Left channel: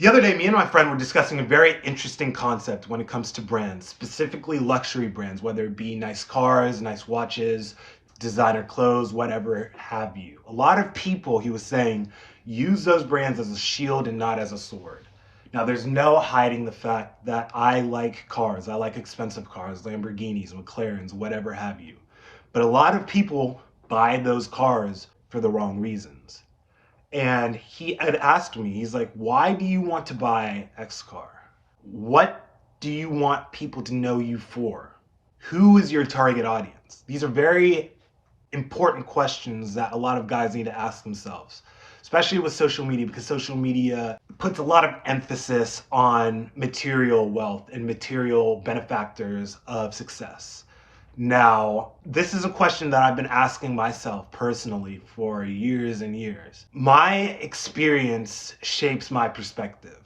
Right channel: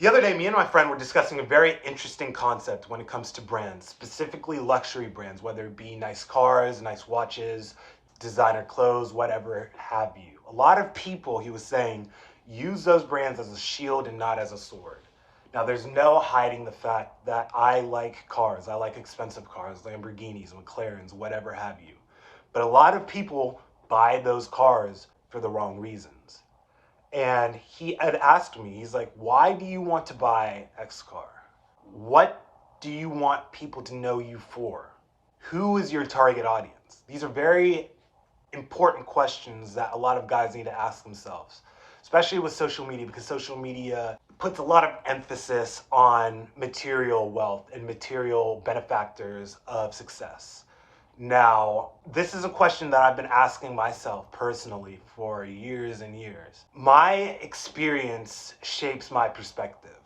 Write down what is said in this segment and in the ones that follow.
The other day, me and my friend were discussing a very interesting concept when it comes to brands, specifically luxury brands, whether it be nice cars, nice watches, designer clothes, whatever have you. A lot of people, he was saying, use those brands as a shield and not as a sword. Now, there's no hiding the fact that I like cars. I like expensive cars, Lamborghinis, McLarens, whatever have you. But a lot of people buy those cars for the wrong reasons. And he had asked me, he's like, why do you want to buy X car? What do you want people to know you for? Who is your target audience? These are very important questions that a lot of guys need to ask themselves, especially with social media, because social media puts a lot of emphasis on material wealth and material benefactors of success. Now, this is a question that I've been asking myself personally for years and years. My experience shapes my perspective.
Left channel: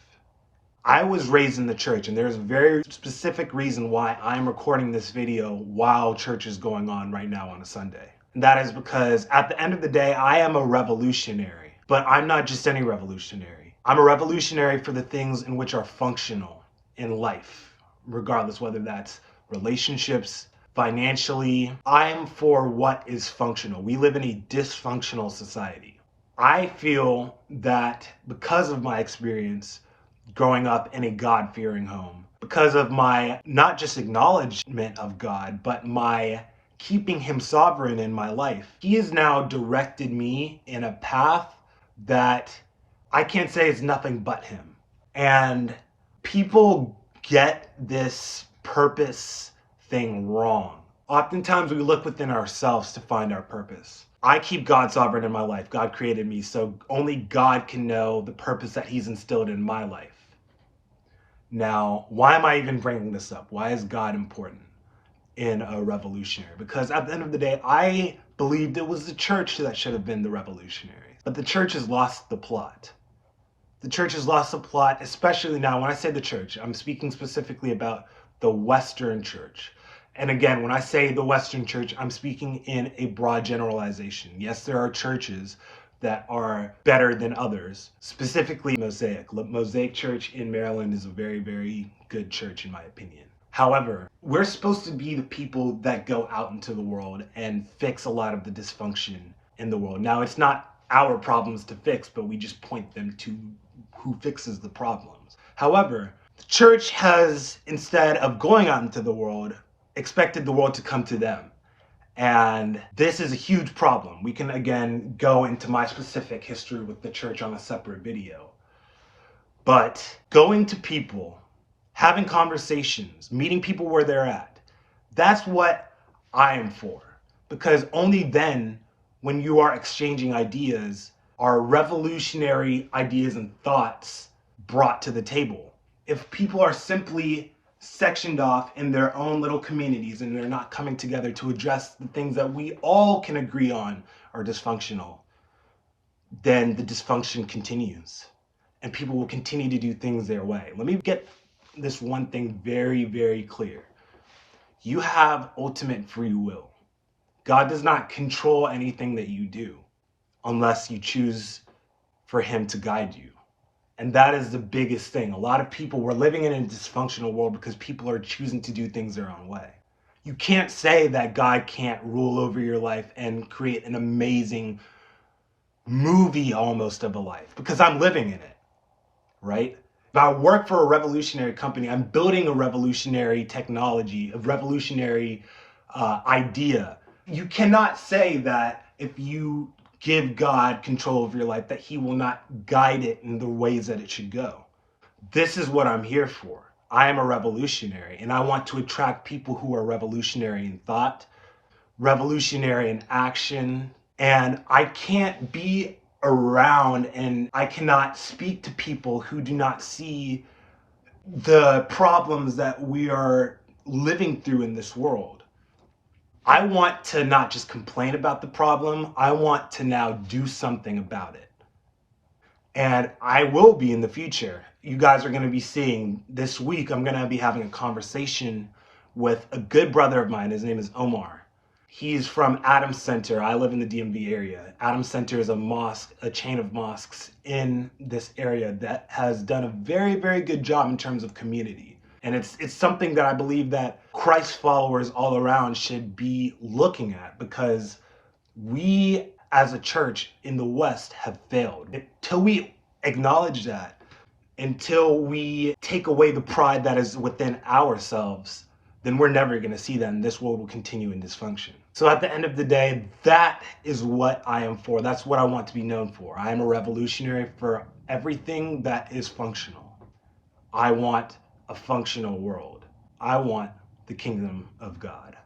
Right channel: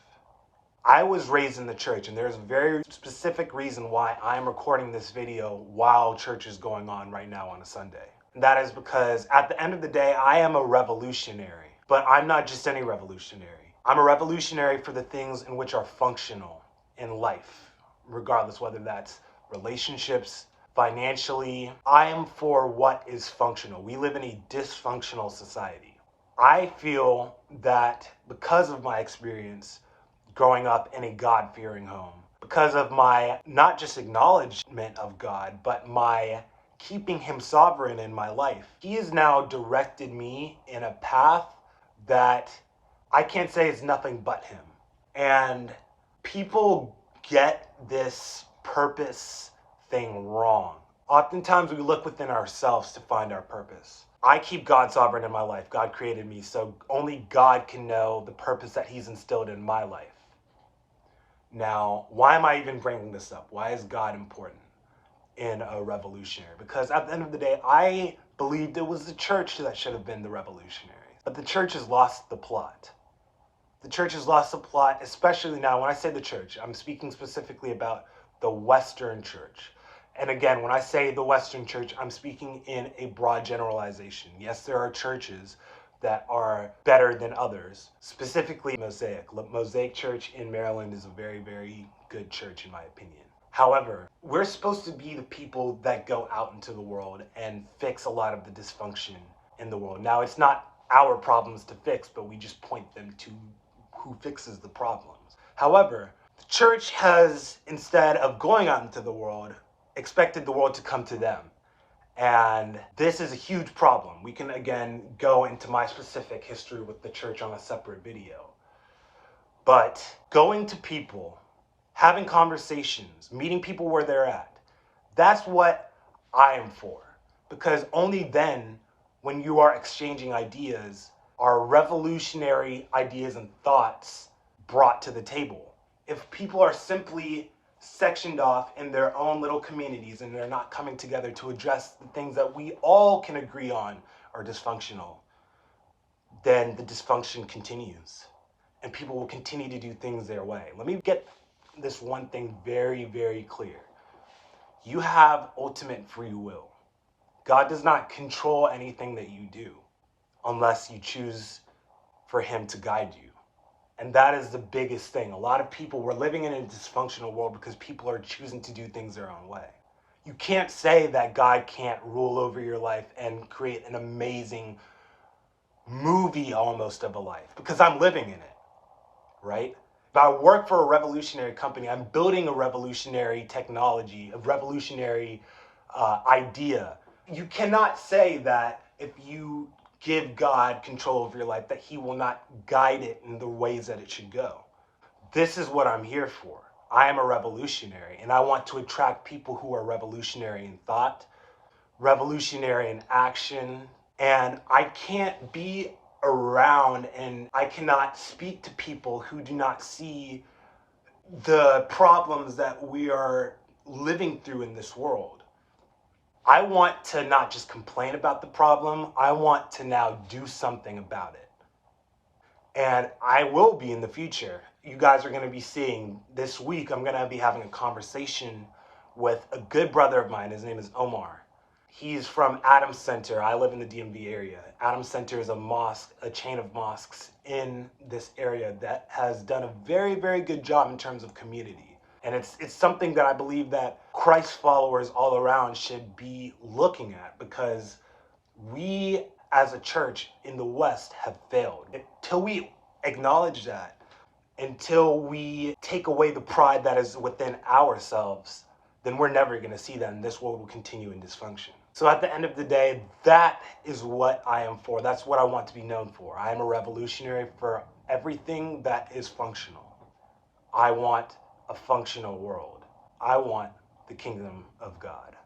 I was raised in the church, and there's a very specific reason why I'm recording this video while church is going on right now on a Sunday. And that is because at the end of the day, I am a revolutionary, but I'm not just any revolutionary. I'm a revolutionary for the things in which are functional in life, regardless whether that's relationships, financially. I am for what is functional. We live in a dysfunctional society. I feel that because of my experience growing up in a God-fearing home, because of my not just acknowledgement of God, but my keeping him sovereign in my life, he has now directed me in a path that I can't say is nothing but him. And people get this purpose thing wrong. Oftentimes we look within ourselves to find our purpose. I keep God sovereign in my life. God created me, so only God can know the purpose that he's instilled in my life. Now, why am I even bringing this up? Why is God important in a revolutionary? Because at the end of the day, I believed it was the church that should have been the revolutionary. But the church has lost the plot. The church has lost the plot, especially now. When I say the church, I'm speaking specifically about the Western church. And again, when I say the Western church, I'm speaking in a broad generalization. Yes, there are churches that are better than others, specifically Mosaic. Mosaic Church in Maryland is a very, very good church, in my opinion. However, we're supposed to be the people that go out into the world and fix a lot of the dysfunction in the world. Now, it's not our problems to fix, but we just point them to who fixes the problems. However, the church has, instead of going out into the world, expected the world to come to them. And this is a huge problem. We can again go into my specific history with the church on a separate video. But going to people, having conversations, meeting people where they're at, that's what I am for. Because only then, when you are exchanging ideas, are revolutionary ideas and thoughts brought to the table. If people are simply sectioned off in their own little communities and they're not coming together to address the things that we all can agree on are dysfunctional, then the dysfunction continues and people will continue to do things their way. Let me get this one thing very, very clear. You have ultimate free will. God does not control anything that you do unless you choose for him to guide you. And that is the biggest thing. A lot of people, we're living in a dysfunctional world because people are choosing to do things their own way. You can't say that God can't rule over your life and create an amazing movie almost of a life, because I'm living in it, right? If I work for a revolutionary company, I'm building a revolutionary technology, a revolutionary idea. You cannot say that if you give God control of your life, that he will not guide it in the ways that it should go. This is what I'm here for. I am a revolutionary, and I want to attract people who are revolutionary in thought, revolutionary in action, and I can't be around and I cannot speak to people who do not see the problems that we are living through in this world. I want to not just complain about the problem, I want to now do something about it. And I will be in the future. You guys are going to be seeing this week, I'm going to be having a conversation with a good brother of mine. His name is Omar. He's from Adams Center. I live in the DMV area. Adams Center is a mosque, a chain of mosques in this area that has done a very, very good job in terms of community. And it's something that I believe that Christ followers all around should be looking at, because we as a church in the West have failed. Until we acknowledge that, until we take away the pride that is within ourselves, then we're never going to see that, and this world will continue in dysfunction. So at the end of the day, that is what I am for. That's what I want to be known for. I am a revolutionary for everything that is functional. I want a functional world. I want the kingdom of God.